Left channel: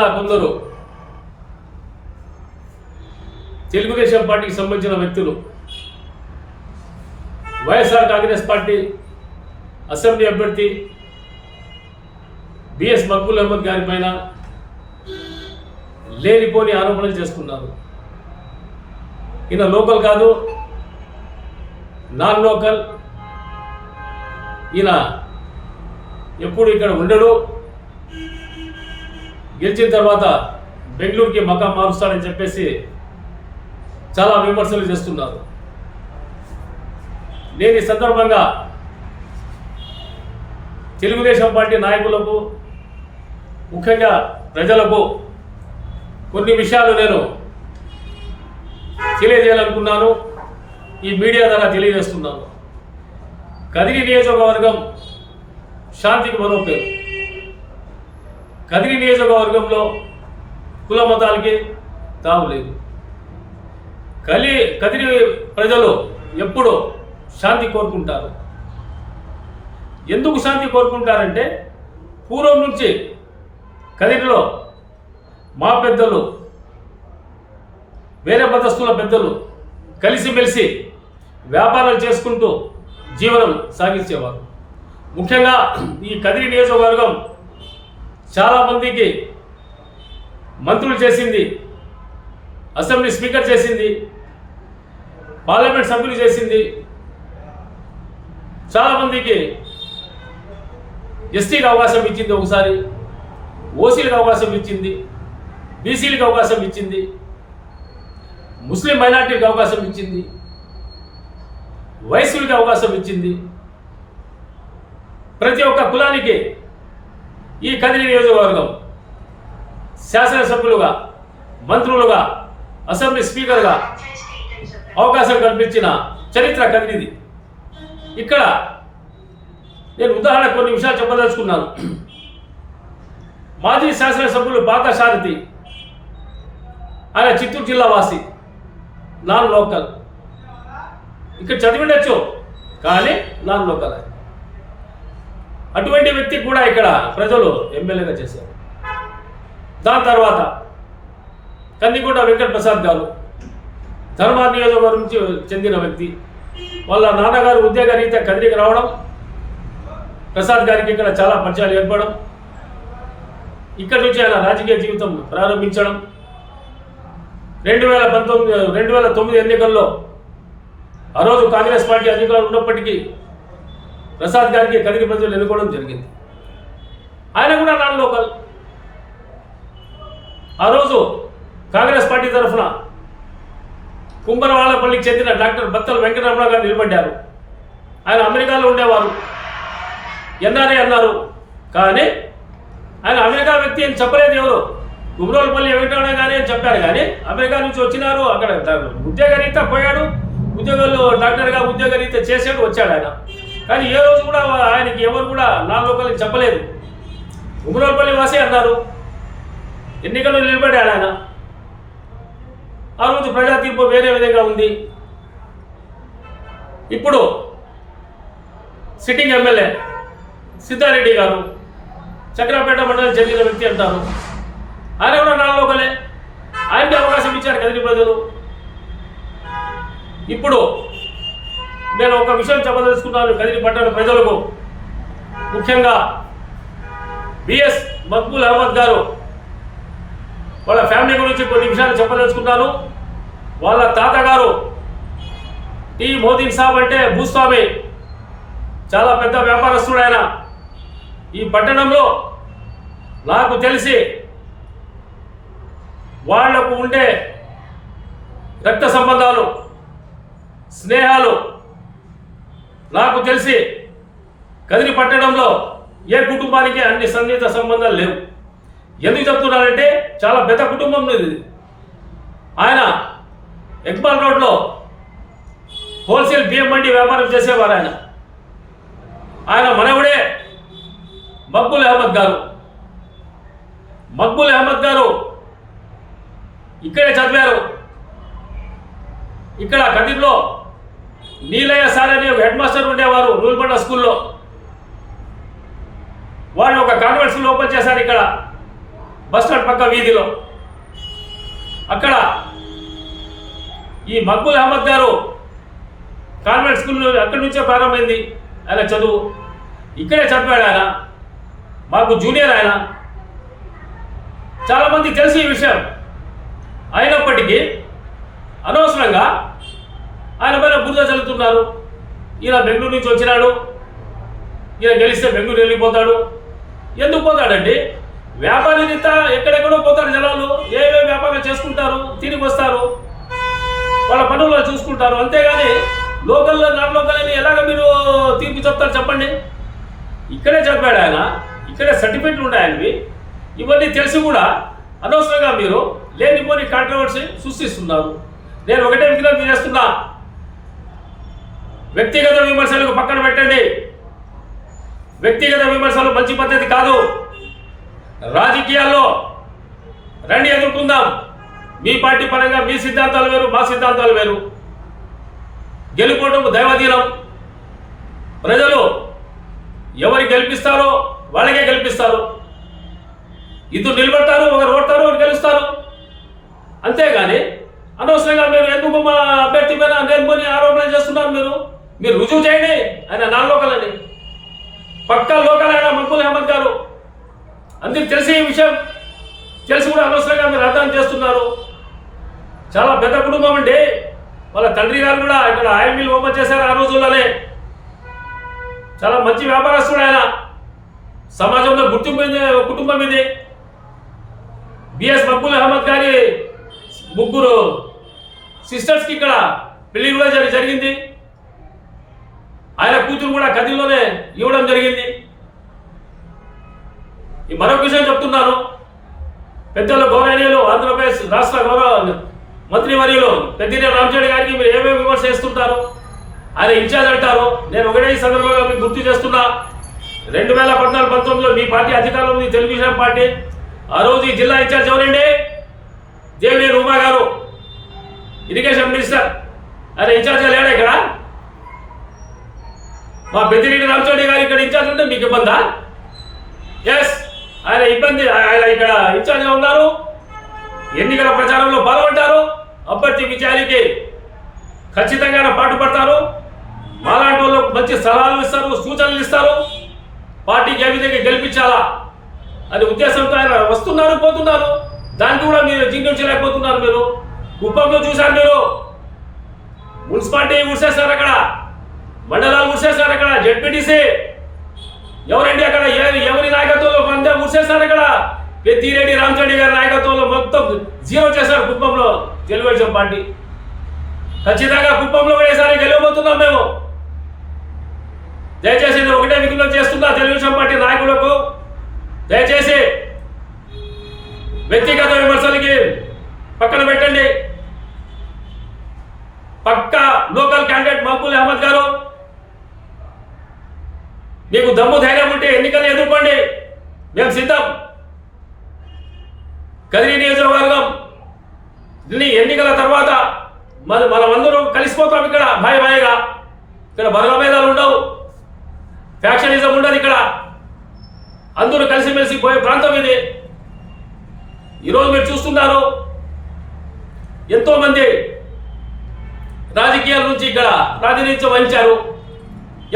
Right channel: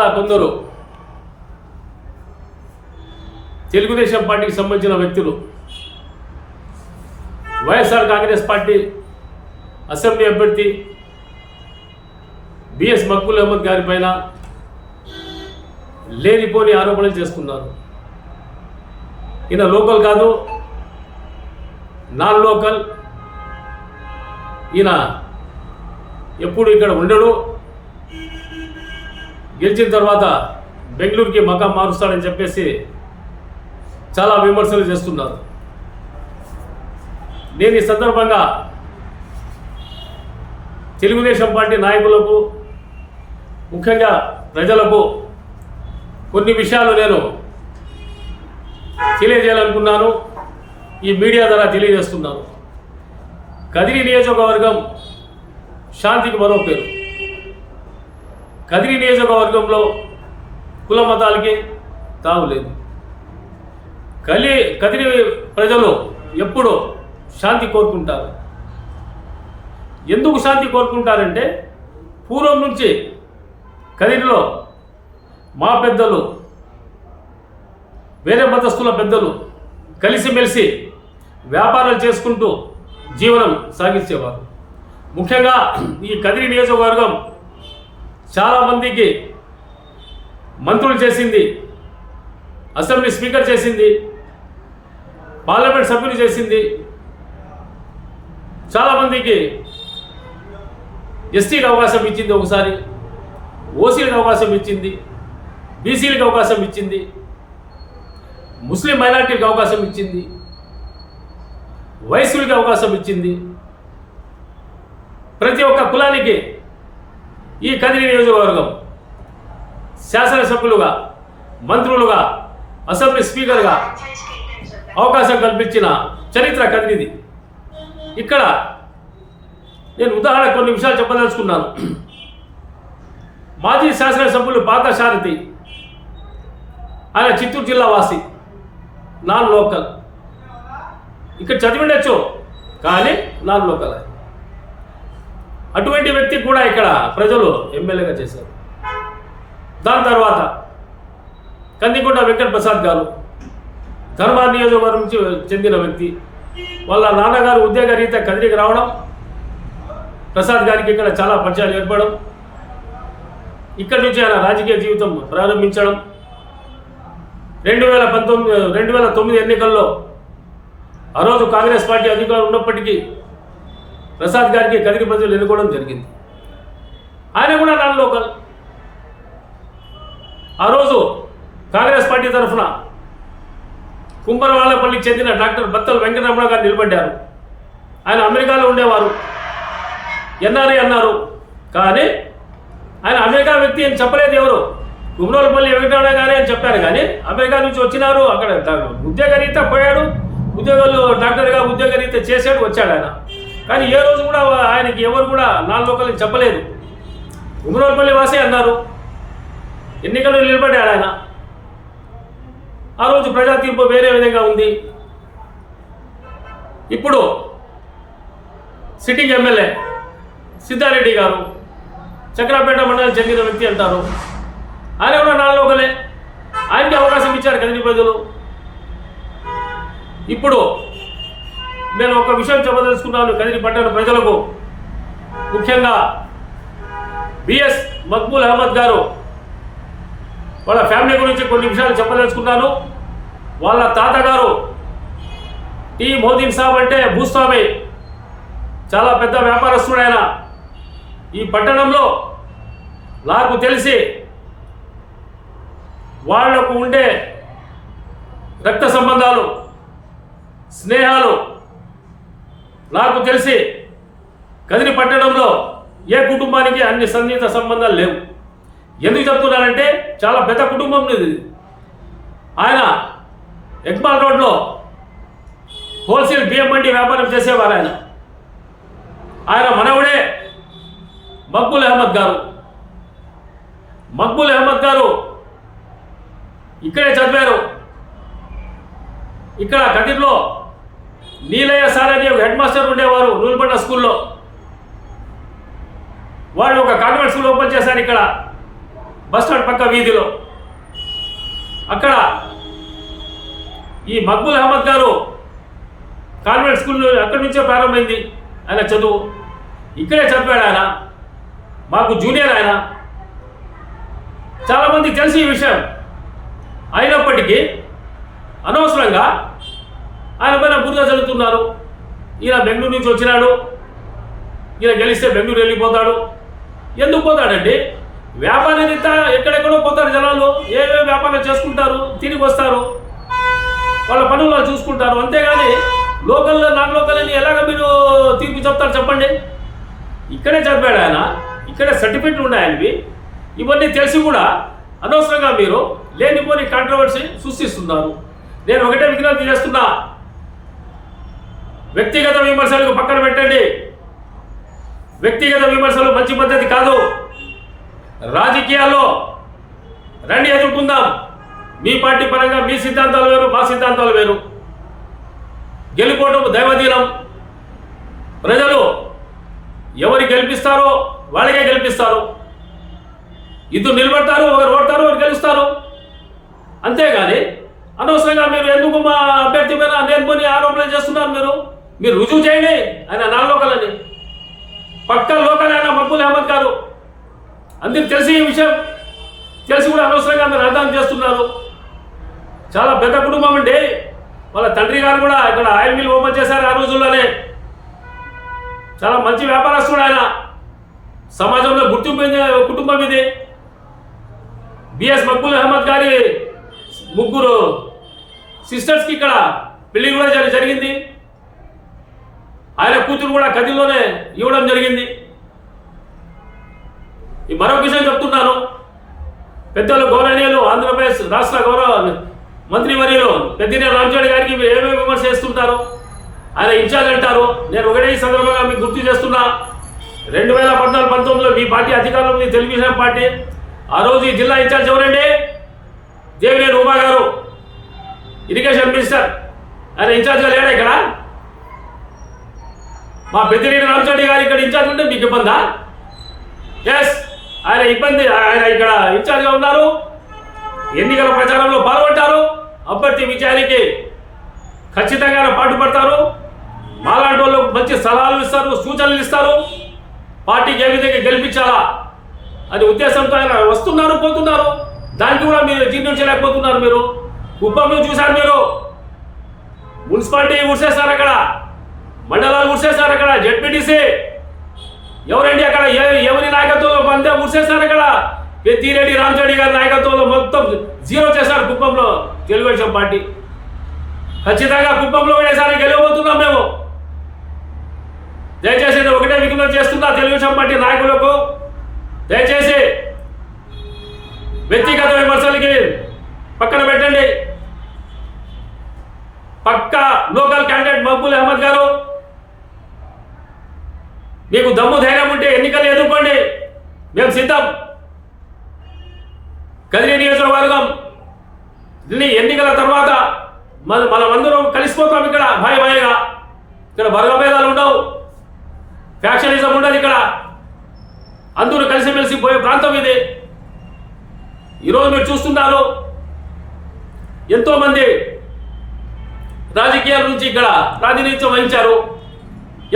ఇటీవల కొందరు తెలుగుదేశం పార్టీకి సంబంధించిన వ్యక్తులు. వైఎస్ఆర్ కాంగ్రెస్ పార్టీ అసెంబ్లీ అభ్యర్థి బిఎస్ మక్బుల్ అహ్మద్ గారి పైన లేనిపోని ఆరోపణలు చేస్తున్నారు. ఈయన లోకల్ కాదు నాన్ లోకల్. ఈయన ఎప్పుడు ఇక్కడ ఉండడు. గెలిచిన తర్వాత బెంగళూరుకి మకా మారుస్తాడని చెప్పేసి చాలా విమర్శలు చేస్తున్నారు. నేను ఈ సందర్భంగా తెలుగుదేశం పార్టీ నాయకులకు ముఖ్యంగా ప్రజలకు కొన్ని విషయాలు నేను తెలియజేయాలనుకున్నాను. ఈ మీడియా ద్వారా తెలియజేస్తున్నాను. కదిరి నియోజకవర్గం శాంతికి మరో పేరు. కదిరి నియోజకవర్గంలో కుల మతాలకి తావులేదు కలి కదిరి ప్రజలు ఎప్పుడో శాంతి కోరుకుంటారు. ఎందుకు శాంతి కోరుకుంటారంటే పూర్వం నుంచి కదిరిలో మా పెద్దలు వేరే మతస్థుల పెద్దలు కలిసిమెలిసి వ్యాపారాలు చేసుకుంటూ జీవనం సాగించేవారు. ముఖ్యంగా ఈ కదిరి నియోజకవర్గం చాలామందికి మంత్రులు చేసింది అసెంబ్లీ స్పీకర్ చేసింది పార్లమెంట్ సభ్యులు చేసింది. చాలామందికి ఎస్టీకి అవకాశం ఇచ్చింది ఒకసారి ఓసీలకు అవకాశం ఇచ్చింది బీసీలకు అవకాశం ఇచ్చింది ముస్లిం మైనార్టీలకు అవకాశం ఇచ్చింది వయస్సులకి అవకాశం ఇచ్చింది. ప్రతి ఒక్క కులానికి ఈ కదిరి నియోజకవర్గం శాసనసభ్యులుగా మంత్రులుగా అసెంబ్లీ స్పీకర్గా అవకాశం కల్పించిన చరిత్ర కదిరిది. ఇక్కడ నేను ఉదాహరణ కొన్ని విషయాలు చెప్పదలుచుకున్నాను. మాజీ శాసనసభ్యులు పాత సారథి ఆయన చిత్తూరు జిల్లా వాసి నాన్ లోకల్. ఇక్కడ చదివిండొచ్చు కానీ నాన్ లోకల్ ఆయన. అటువంటి వ్యక్తి కూడా ఇక్కడ ప్రజలు ఎమ్మెల్యేగా చేశారు. దాని తర్వాత కందికొండ వెంకట ప్రసాద్ గారు ధర్మా నియోజకవర్గం నుంచి చెందిన వ్యక్తి వాళ్ళ నాన్నగారు ఉద్యోగ రీత్యా కదిరికి రావడం ప్రసాద్ గారికి ఇక్కడ చాలా పరిచయాలు ఏర్పడడం ఇక్కడి నుంచి ఆయన రాజకీయ జీవితం ప్రారంభించడం. రెండు వేల పంతొమ్మిది రెండు వేల తొమ్మిది ఎన్నికల్లో ఆ రోజు కాంగ్రెస్ పార్టీ అధికారం ఉన్నప్పటికీ ప్రసాద్ గారికి కదిరి ప్రజలు ఎన్నుకోవడం జరిగింది. ఆయన కూడా నాన్ లోకల్. ఆ రోజు కాంగ్రెస్ పార్టీ తరఫున కుంభరవాళ్ళపల్లికి చెందిన డాక్టర్ బత్తల వెంకటరమణ గారు నిలబడ్డారు. ఆయన అమెరికాలో ఉండేవారు. ఎన్ఆర్ఏ అన్నారు. కానీ ఆయన అమెరికా వ్యక్తి అని చెప్పలేదు ఎవరు? కుమరోలపల్లి వెంకటరమణ గారే అని చెప్పారు. కానీ అమెరికా నుంచి వచ్చినారు. అక్కడ డా- ఉద్యోగరీత్యా పోయాడు. ఉద్యోగాలు డాక్టర్గా ఉద్యోగరీత్యా చేశాడు వచ్చాడు ఆయన. కానీ ఏ రోజు కూడా ఆయనకి ఎవరు కూడా నాలుగు లోకల్ని చెప్పలేదు. కుమరోలపల్లి వాసే అన్నారు. ఎన్నికల్లో నిలబడ్డాడు ఆయన. ఆ రోజు ప్రజా తీర్పు వేరే విధంగా ఉంది. ఇప్పుడు సిట్టింగ్ ఎమ్మెల్యే సిద్ధారెడ్డి గారు చక్రాపేట మండలం చెందిన వ్యక్తి అంటారు. ఆయన కూడా నాలుగోకలే ఆయనకి అవకాశం ఇచ్చారు కదిరి ప్రజలు. ఇప్పుడు నేను ఒక విషయం చెప్పదలుచుకున్నాను కదిరి పట్టణ ప్రజలకు. ముఖ్యంగా బిఎస్ మక్బూల్ అహ్మద్ గారు వాళ్ళ ఫ్యామిలీ గురించి కొన్ని విషయాలు చెప్పదలుచుకున్నాను. వాళ్ళ తాతగారు టీ మోదీన్ సాబ్ అంటే భూస్వామి చాలా పెద్ద వ్యాపారస్తుడు ఆయన. ఈ పట్టణంలో నాకు తెలిసి వాళ్ళకు ఉండే రక్త సంబంధాలు స్నేహాలు నాకు తెలిసి కదిరి పట్టడంలో ఏ కుటుంబానికి అన్ని సన్నిహిత సంబంధాలు లేవు. ఎందుకు చెప్తున్నానంటే చాలా పెద్ద కుటుంబం ఇది ఆయన ఎక్బాల్ రోడ్లో హోల్సేల్ బియ్యం మండి వ్యాపారం చేసేవారు ఆయన. ఆయన మనవుడే మక్బుల్ అహ్మద్ గారు. మక్బుల్ అహ్మద్ గారు ఇక్కడే చదివారు. ఇక్కడ కదిర్లో నీలయ్య సార్ అని ఒక హెడ్ మాస్టర్ ఉండేవారు నూల్బండ స్కూల్లో. వాళ్ళు ఒక కాన్వెంట్ స్కూల్ ఓపెన్ చేశారు ఇక్కడ బస్ స్టాండ్ పక్క వీధిలో. అక్కడ ఈ మక్బుల్ అహ్మద్ గారు కాన్వెంట్ స్కూల్ అక్కడి నుంచే ప్రారంభమైంది. ఆయన చదువు. ఇక్కడే చదివాడు ఆయన. మాకు జూనియర్ ఆయన. చాలామందికి తెలిసి ఈ విషయం. అయినప్పటికీ అనవసరంగా ఆయన పైన బురద చల్లుతున్నారు. ఈయన బెంగళూరు నుంచి వచ్చినాడు. ఈయన గెలిస్తే బెంగళూరు వెళ్ళిపోతాడు. ఎందుకు పోతాడండి? వ్యాపారి రీత్యా ఎక్కడెక్కడో పోతారు జనాలు. ఏమేమి వ్యాపారం చేసుకుంటారు? తిరిగి వస్తారు. వాళ్ళ పనుల్లో చూసుకుంటారు. అంతేగాని లోకల్లో నాన్ లోకల్ అని ఎలాగ మీరు తీర్పు చెప్తారు చెప్పండి? ఇక్కడే చదివాడు ఆయన. ఇక్కడే సర్టిఫికెట్లు ఉన్నాయి ఆయనవి. ఇవన్నీ తెలిసి కూడా అనవసరంగా మీరు లేనిపోని కాంట్రవర్సీ సృష్టిస్తున్నారు. నేను ఒకటే విజ్ఞప్తి చేస్తున్నా. వ్యక్తిగత విమర్శలకు పక్కన పెట్టండి. వ్యక్తిగత విమర్శలు మంచి పద్ధతి కాదు. రాజకీయాల్లో రండి ఎదుర్కొందాం. మీ పార్టీ పరంగా మీ సిద్ధాంతాలు వేరు మా సిద్ధాంతాలు వేరు. గెలుపోవటం దైవదీనం ప్రజలు ఎవరు గెలిపిస్తారో వాళ్ళకే గెలిపిస్తారు. ఇద్దరు నిలబడతారు ఒకరు ఓడతారు ఒకరు గెలుస్తారు. అంతేగాని అనవసరంగా మీరు ఎందుకు మా అభ్యర్థి మీద నేర్కొని ఆరోపణలు చేస్తున్నారు మీరు? మీరు రుజువు చేయండి ఆయన నా లోకలని పక్కా లోకల్ ఆయన మక్బుల్ అహ్మద్ గారు. అందరికి తెలిసి ఈ విషయం. తెలిసి కూడా అనవసరంగా మీరు అర్థం చేస్తున్నారు. చాలా పెద్ద కుటుంబం అండి. వాళ్ళ తండ్రి గారు కూడా ఇక్కడ ఆయిల్ మిల్ ఓపెన్ చేశారు ఆ రోజుల్లోనే. చాలా మంచి వ్యాపారస్తుడు ఆయన. సమాజంలో గుర్తింపు కుటుంబం ఇది. బిఎస్ మక్బుల్ అహ్మద్ గారి ముగ్గురు సిస్టర్స్కి ఇక్కడ పెళ్ళి కూడా జరిగింది. ఆయన కూతురు కూడా కదిలోనే ఇవ్వడం జరిగింది. ఈ మరొక విషయం చెప్తున్నాను. పెద్దలు గౌరవనీయులు ఆంధ్రప్రదేశ్ రాష్ట్ర గౌరవ మంత్రి మంత్రివర్యులు పెద్దినే రామచంద్ర గారికి మీరు ఏమేమి విమర్శ చేస్తుంటారు? ఆయన ఇన్ఛార్జ్ అంటారు. నేను ఒకటే ఈ సందర్భంగా మీకు గుర్తు చేస్తున్నా. రెండు వేల పద్నాలుగు పంతొమ్మిదిలో మీ పార్టీ అధికారంలో ఉంది తెలుగుదేశం పార్టీ. ఆ రోజు ఈ జిల్లా ఇన్ఛార్జ్ ఎవరండి? దేవినేని ఉమా గారు. Irrigation minister. ఆయన ఇన్ఛార్జ్గా లేడా ఇక్కడ? మా పెద్దిరెడ్డి రామచంద్ర గారు ఇక్కడ ఇన్ఛార్జ్ ఉంటే మీకు ఇబ్బందా? ఎస్ ఆయన ఇబ్బంది ఆయన ఇక్కడ ఇన్ఛార్జ్గా ఉన్నారు. ఎన్నికల ప్రచారంలో పాల్గొంటారు. అభ్యర్థి విజయానికి ఖచ్చితంగా పాటుపడతారు మాలాంటి వాళ్ళు మంచి సలహాలు ఇస్తారు సూచనలు ఇస్తారు. పార్టీకి ఏ విధంగా గెలిపించాలా అనే ఉద్దేశంతో ఆయన వస్తున్నారు పోతున్నారు. దానికి కూడా మీరు జీర్ణించలేకపోతున్నారు మీరు. కుప్పంలో చూశారు మీరు. మున్సిపాలిటీ ఉడిసేస్తారు అక్కడ. మండలాలు ఉడిసేస్తారు అక్కడ జడ్పీటీసీ ఎవరండి అక్కడ? ఏ- ఎవరి నాయకత్వంలో అంతే ఉడిసేస్తారు అక్కడ? పెద్దిరెడ్డి రామచండి గారి నాయకత్వంలో మొత్తం జీరో చేశారు కుప్పంలో తెలుగుదేశం పార్టీ. ఖచ్చితంగా కుప్పంలో కూడా ఈసారి గెలవబోతున్నాం మేము. దయచేసి నేను ఒకటే విజ్ఞప్తి చేస్తున్నా తెలుగుదేశం పార్టీ నాయకులకు. దయచేసి వ్యక్తిగత విమర్శలకి పక్కన పెట్టండి. పక్క లోకల్ క్యాండిడేట్ మహబూల్ అహ్మద్ గారు. మీకు దమ్ము ధైర్యం ఉంటే ఎన్నికలు ఎదుర్కోండి. మేము సిద్ధం. కదిరి నియోజకవర్గం దీన్ని ఎన్నికల తర్వాత మన మనమందరం కలిసిపోతాం ఇక్కడ భయ భయగా. ఇక్కడ వర్గభేదాలు ఉండవు. ఫ్యాక్షనిజం ఉండదు ఇక్కడ. అందరూ కలిసిమెలిసి పోయే ప్రాంతం ఇది. ఈరోజు మీరు చూస్తున్నారు ఎంతోమంది రాజకీయాల నుంచి ఇక్కడ ప్రాతినిధ్యం వహించారు.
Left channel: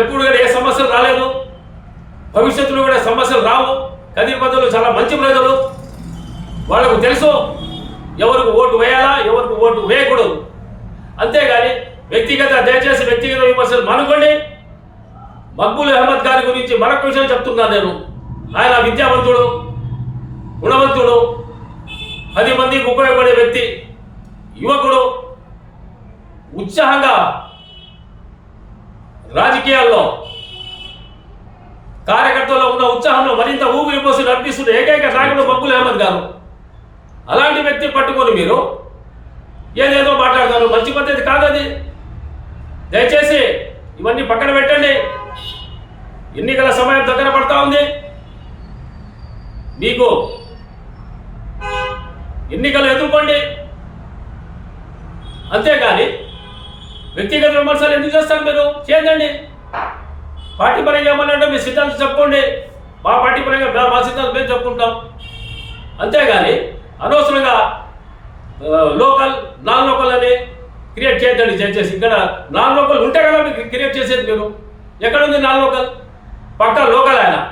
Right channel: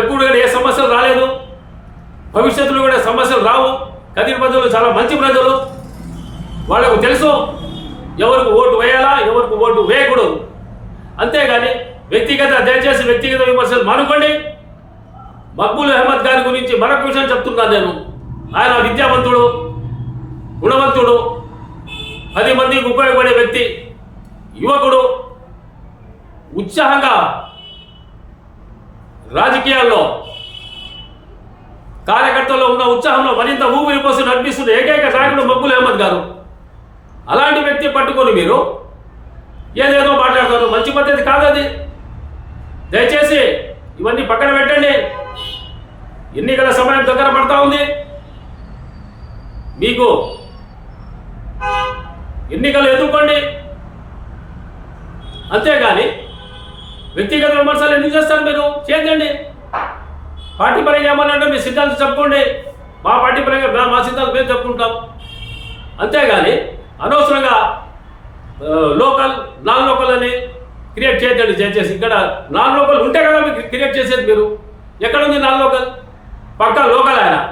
ఎప్పుడు కూడా ఏ సమస్యలు రాలేదు. భవిష్యత్తులో కూడా సమస్యలు రావు. కదిరి ప్రజలు చాలా మంచి ప్రజలు. వాళ్ళకు తెలుసు ఎవరికి ఓటు వేయాలా ఎవరికి ఓటు వేయకూడదు. అంతేగాని వ్యక్తిగత దయచేసి వ్యక్తిగత విమర్శలు మానుకోండి. మక్బూల్ అహ్మద్ గారి గురించి మరొక విషయం చెప్తున్నాను నేను. ఆయన విద్యావంతుడు గుణవంతుడు పది మందికి ఉపయోగపడే వ్యక్తి యువకుడు. ఉత్సాహంగా రాజకీయాల్లో కార్యకర్తల్లో ఉన్న ఉత్సాహంలో మరింత ఊపిరి పోసి నడిపిస్తున్న ఏకైక నాయకుడు మక్బుల్ అహ్మద్ గారు. అలాంటి వ్యక్తి పట్టుకొని మీరు ఏదేదో మాట్లాడతారు. మంచి పద్ధతి కాదది దయచేసి ఇవన్నీ పక్కన పెట్టండి. ఎన్నికల సమయం దగ్గర పడతా ఉంది. మీకు ఎన్నికలు ఎదుర్కోండి. అంతేగాని వ్యక్తిగత విమర్శలు ఎందుకు చేస్తారు మీరు? చేయండి. పార్టీ పరంగా ఏమన్నా అంటే మీ సిద్ధాంతం చెప్పుకోండి. మా పార్టీ పరంగా మా- సిద్ధాంతం మేము చెప్పుకుంటాం. అంతేగాని అనవసరంగా లోకల్ నాన్ లోకల్ అని క్రియేట్ చేయద్దండి దయచేసి ఇక్కడ నాన్ లోకల్ ఉంటే కదా మీకు క్రియేట్ చేసేది మీరు. ఎక్కడుంది నాన్ లోకల్? పక్క లోకల్ ఆయన.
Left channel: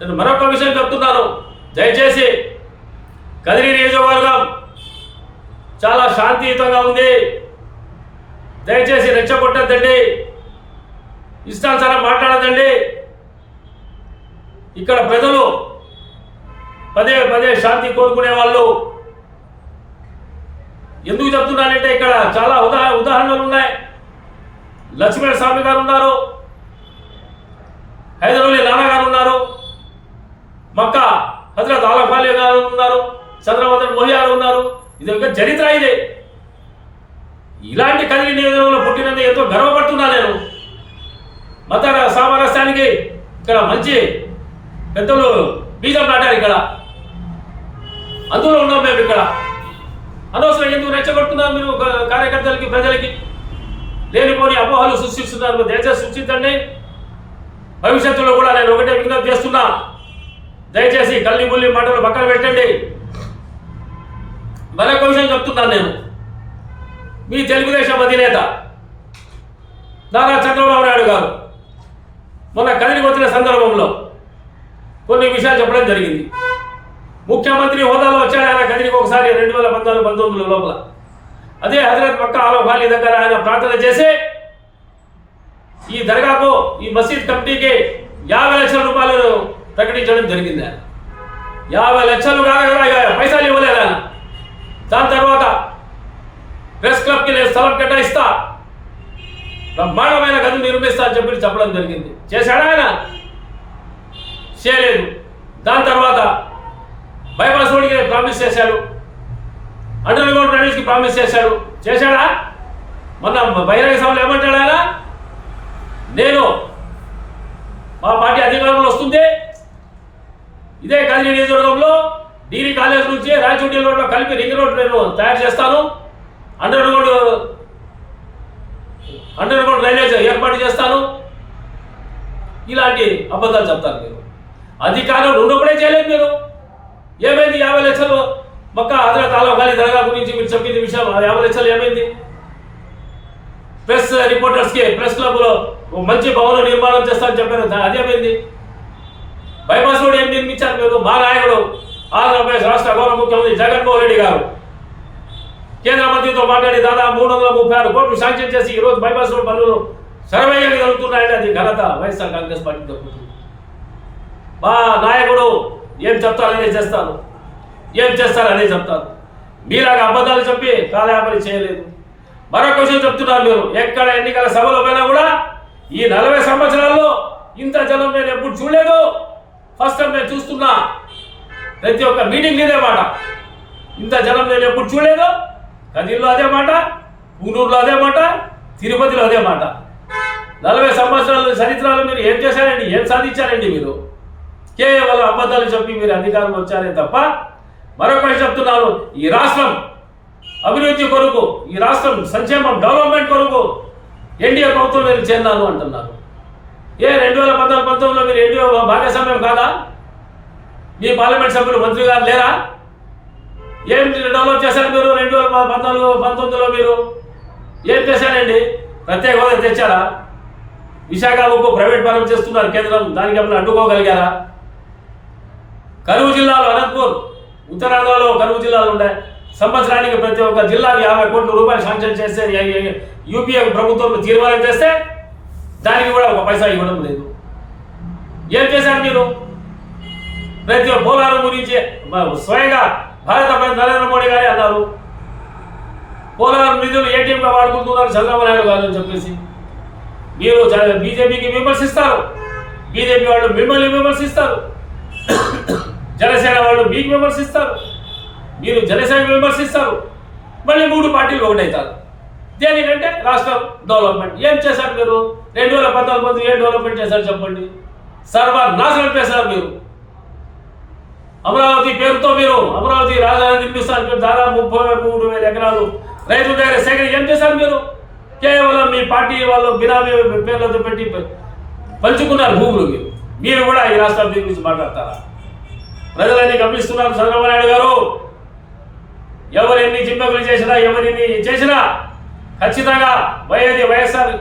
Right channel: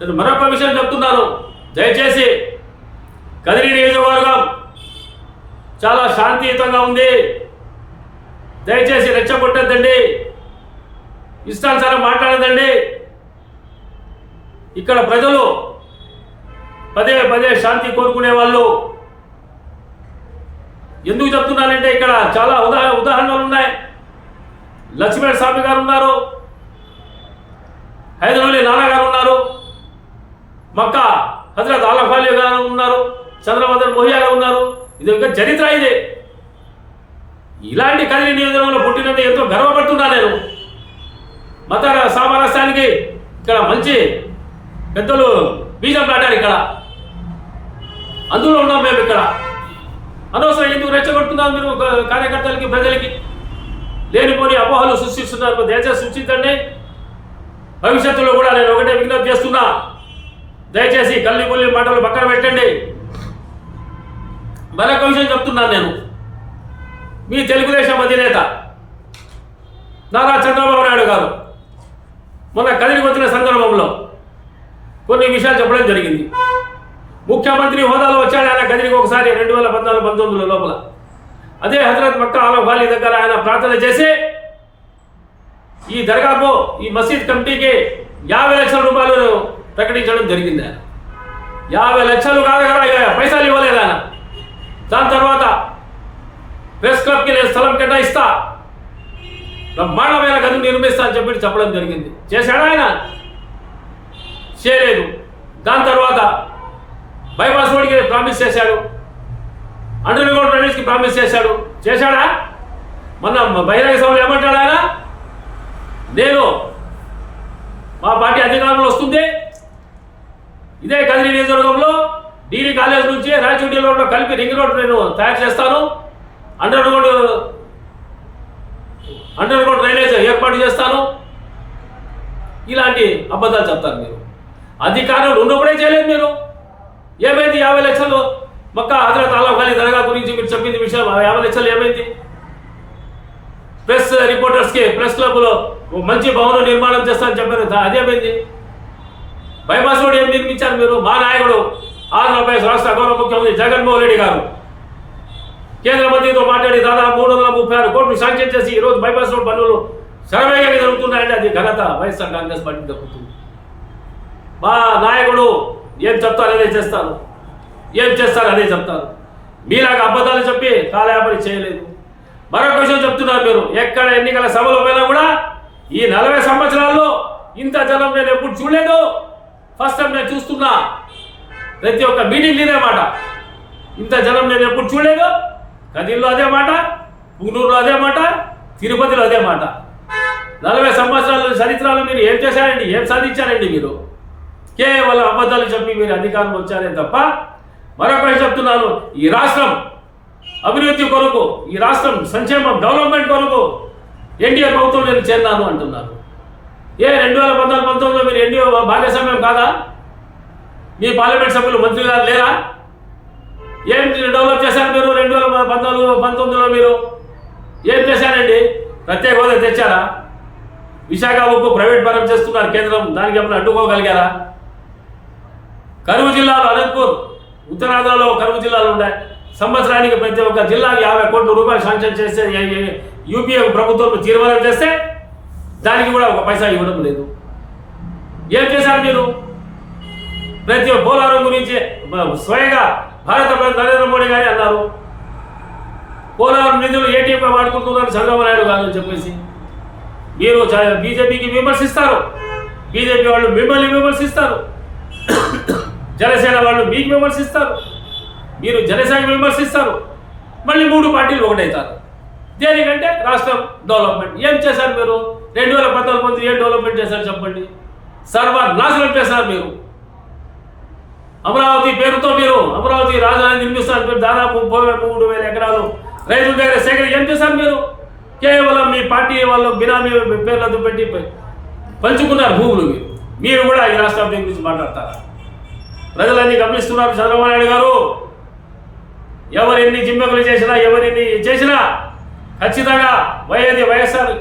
నేను మరొక విషయం చెప్తున్నాను. దయచేసి కదిరి నియోజకవర్గం చాలా శాంతియుతంగా ఉంది. దయచేసి రెచ్చగొట్టద్దండి. ఇష్టానుసారం మాట్లాడదండి. ఇక్కడ ప్రజలు పదే పదే శాంతి కోరుకునే వాళ్ళు ఎందుకు చెప్తున్నానంటే ఇక్కడ చాలా ఉదాహ ఉదాహరణలు ఉన్నాయి. లక్ష్మీ స్వామి గారు ఉన్నారు. హైదరాబాద్ నానా గారు ఉన్నారు. మక్క హజరత్ ఆలఫాలి గారు ఉన్నారు. చంద్రమదన్ మోహియారు ఉన్నారు. ఇది ఒక చరిత్ర ఇది. ఇలాంటి కదిలి నియోజకవర్గంలో పుట్టినందుకు ఎంతో గర్వపడుతున్నా నేను. మత సామరస్యానికి ఇక్కడ మంచి పెద్దలు బీజం నాటారు ఇక్కడ. అందులో ఉన్నాం మేము ఇక్కడ. అనవసరం ఎందుకు రెచ్చగొడుతున్నారు మీరు కార్యకర్తలకి ప్రజలకి? లేనిపోని అపోహలు సృష్టిస్తున్నారు. దయచేసి సృష్టించండి భవిష్యత్తులో కూడా నేను ఒకటే విజ్ఞప్తి చేస్తున్నా. దయచేసి కల్లి బుల్లి మాటలు పక్కన పెట్టండి. మరొక విషయం చెప్తున్నాను నేను. మీ తెలుగుదేశం అధినేత నారా చంద్రబాబు నాయుడు గారు మొన్న కదిలికి వచ్చిన సందర్భంలో కొన్ని విషయాలు చెప్పడం జరిగింది. ముఖ్యమంత్రి హోదాలో వచ్చాడు ఆయన కదిలికి ఒకసారి రెండు వేల పద్నాలుగు పంతొమ్మిదిలో లోపల. అదే హజరత్ మక్కా ఆలఫాలి దగ్గర ఆయన ప్రార్థన చేసి ఈ దర్గాకు ఈ మసీద్ కమిటీకి యాభై లక్షల రూపాయలు ప్రకటించడం జరిగింది ఆయన. యాభై లక్షలు కాదు కదా పైసలు ఇవ్వలేదు ఆయన. దాని తర్వాత ప్రెస్ క్లబ్కి నేను స్థలం కేటాయిస్తా బ్రహ్మాండమైన గది నిర్మిస్తా అని చెప్పి చెప్పడం జరిగింది. చేశాడా ఆయన? చేయలేదు. దాని తర్వాత బైపాస్ రోడ్కి ప్రామిస్ చేశాడు. అండర్ గ్రౌండ్ డ్రైనేజ్కి ప్రామిస్ చేశాడు. చేశాడా? మొన్న బహిరంగ సభలు ఏమంటాడు ఆయన? నేను మా పార్టీ అధికారంలో వస్తుంది ఇదే కదిరి నియోజకవర్గంలో డిగ్రీ కాలేజ్ నుంచి రాయచూటి రోడ్లో కలిపి రింగ్ రోడ్ నేను తయారు చేస్తాను. Underground underground drainage ఏర్పాటు చేస్తాను. ఇలాంటి అబద్ధాలు చెప్తారు మీరు. అధికారంలో ఉన్నప్పుడే చేయలేదు మీరు. ఏమైంది? యాభై లక్షలు మొక్క హజరత్ ఆలా ఖాళీ దర్గా గురించి మీరు చెప్పింది విషయం. యాభై లక్షలు ఏమైంది? ప్రెస్ రిపోర్టర్స్కి ప్రెస్ క్లబ్లో మంచి భవనం నిర్మాణం చేస్తారని చెప్పారు. అదేమైంది? బైపాస్ రోడ్ ఏం నిర్మించారు మీరు? మా నాయకుడు ఆంధ్రప్రదేశ్ రాష్ట్ర గౌరవ ముఖ్యమంత్రి జగన్మోహన్ రెడ్డి గారు. కేంద్ర మంత్రితో మాట్లాడి దాదాపు మూడు వందల ముప్పై ఆరు కోట్లు శాంక్షన్ చేసి ఈరోజు బైపాస్ రోడ్ పనులు శరవేగంగా జరుగుతున్నాయంటే అది ఘనత వైఎస్ఆర్ కాంగ్రెస్ పార్టీ దక్కుతుంది మా నాయకుడు ఏం చెప్తారనే చేస్తాను ఏం చేస్తారు అనే చెప్తారు. మీలాగా అబద్ధాలు చెప్పి కాలయాపన చేయలేదు. మరొక విషయం చెప్తున్నారు మీరు ఎక్కడ ఎన్నికల సభలో పోయినా కూడా ఈ నలభై సంవత్సరాల్లో ఇంత జనం నేను ఎప్పుడు చూడలేదు. ఫస్ట్ టైం నేను చూస్తున్నా. ప్రతి ఒక్క మీటింగ్ ఇదే మాట. ఇంత జనం నేను ఎప్పుడు చూడలేదు. కదిల్లో అదే మాట పుంగనూరులో అదే మాట తిరుపతిలో అదే మాట. నలభై సంవత్సరాల చరిత్రలో మీరు ఏం చేశారండి? ఏం సాధించారండి మీరు? కేవలం అబద్ధాలు చెప్పి మీరు అధికారంలో వచ్చారే తప్ప మరొకటి చెప్తున్నాను ఈ రాష్ట్రం అభివృద్ధి కొరకు ఈ రాష్ట్రం సంక్షేమం డెవలప్మెంట్ కొరకు ఎన్డీఏ ప్రభుత్వం నేను చేరినాను అంటున్నారు. ఏ రెండు వేల పద్నాలుగు పంతొమ్మిదిలో మీరు ఎన్డీఏ భాగస్వామ్యం కాదా? మీ పార్లమెంట్ సభ్యులు మంత్రి గారు లేరా? ఏం డెవలప్ చేశారు మీరు? రెండు వేల పంతొమ్మిది పంతొమ్మిదిలో మీరు ఏం చేశారండి? ప్రత్యేక హోదా తెచ్చారా? విశాఖ ఉక్కు ప్రైవేట్ పరం చేస్తున్నారు కేంద్రం. దానికి ఏమైనా అడ్డుకోగలిగారా? కరువు జిల్లాలో అనంతపూర్ ఉత్తరాంధ్రలో కరువు జిల్లాలు ఉన్నాయి సంవత్సరానికి ప్రతి ఒక్క జిల్లాకి యాభై కోట్ల రూపాయలు శాంక్షన్ చేస్తే యూపీఏ ప్రభుత్వం తీర్మానం చేస్తే దానికి కూడా ఒక పైసా ఇవ్వడం లేదు. ఏం చేశారు మీరు? ప్రతి ఒక్క పోలారం గురించి స్వయంగా భారత ప్రధాని నరేంద్ర మోడీ గారే అన్నారు. పోలవరం నిధులు ఏటీఎంగా వాడుకుంటున్నారు చంద్రబాబు నాయుడు గారు అని చెప్పేసి. మీరు బీజేపీకి విమర్శిస్తారు. బీజేపీ వాళ్ళు మిమ్మల్ని విమర్శిస్తారు. జనసేన వాళ్ళు మీకు విమర్శిస్తారు. మీరు జనసేన విమర్శిస్తారు. మళ్ళీ మూడు పార్టీలు ఒకటవుతారు దేనికంటే రాష్ట్రం డెవలప్మెంట్. ఏం చేశారు మీరు? రెండు వేల పద్నాలుగు మంది ఏం డెవలప్మెంట్ చేశారు చెప్పండి. సర్వనాశనం చేశారు మీరు. అమరావతి పేరుతో మీరు అమరావతి రాజధాని నిర్మిస్తారు దాదాపు ముప్పై మూడు వేల ఎకరాలు రైతుల దగ్గర సేకరణ ఏం చేశారు మీరు? కేవలం మీ పార్టీ వాళ్ళు బినామీ పేర్లతో పెట్టి పంచుకున్నారు భూములు మీరు. మీరు కూడా ఈ రాష్ట్ర అభివృద్ధి గురించి మాట్లాడతారా? ప్రజలన్నీ గమనిస్తున్నారు చంద్రబాబు నాయుడు గారు. ఎవరెన్ని జిమ్మెకులు చేసినా ఎవరిని చేసినా ఖచ్చితంగా వైఎది వైఎస్ఆర్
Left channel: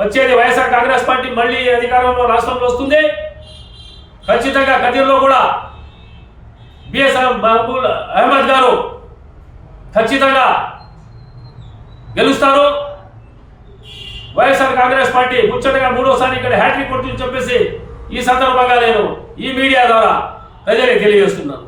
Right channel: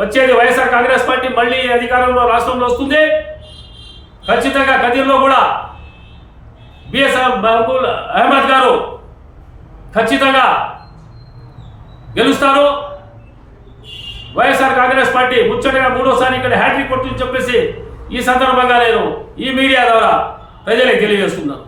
వచ్చేది వైఎస్ఆర్ కాంగ్రెస్ పార్టీ మళ్ళీ అధికారంలో రాష్ట్రంలో వస్తుంది. ఖచ్చితంగా కదిర్లో కూడా బిఎస్ఆర్ మహబూల్ అహ్మద్ గారు ఖచ్చితంగా గెలుస్తారు. వైఎస్ఆర్ కాంగ్రెస్ పార్టీ ముచ్చటగా మూడోసారి ఇక్కడ హ్యాట్రిక్ కొడుతుందని చెప్పేసి ఈ సందర్భంగా నేను ఈ మీడియా ద్వారా ప్రజలకు తెలియజేస్తున్నాను.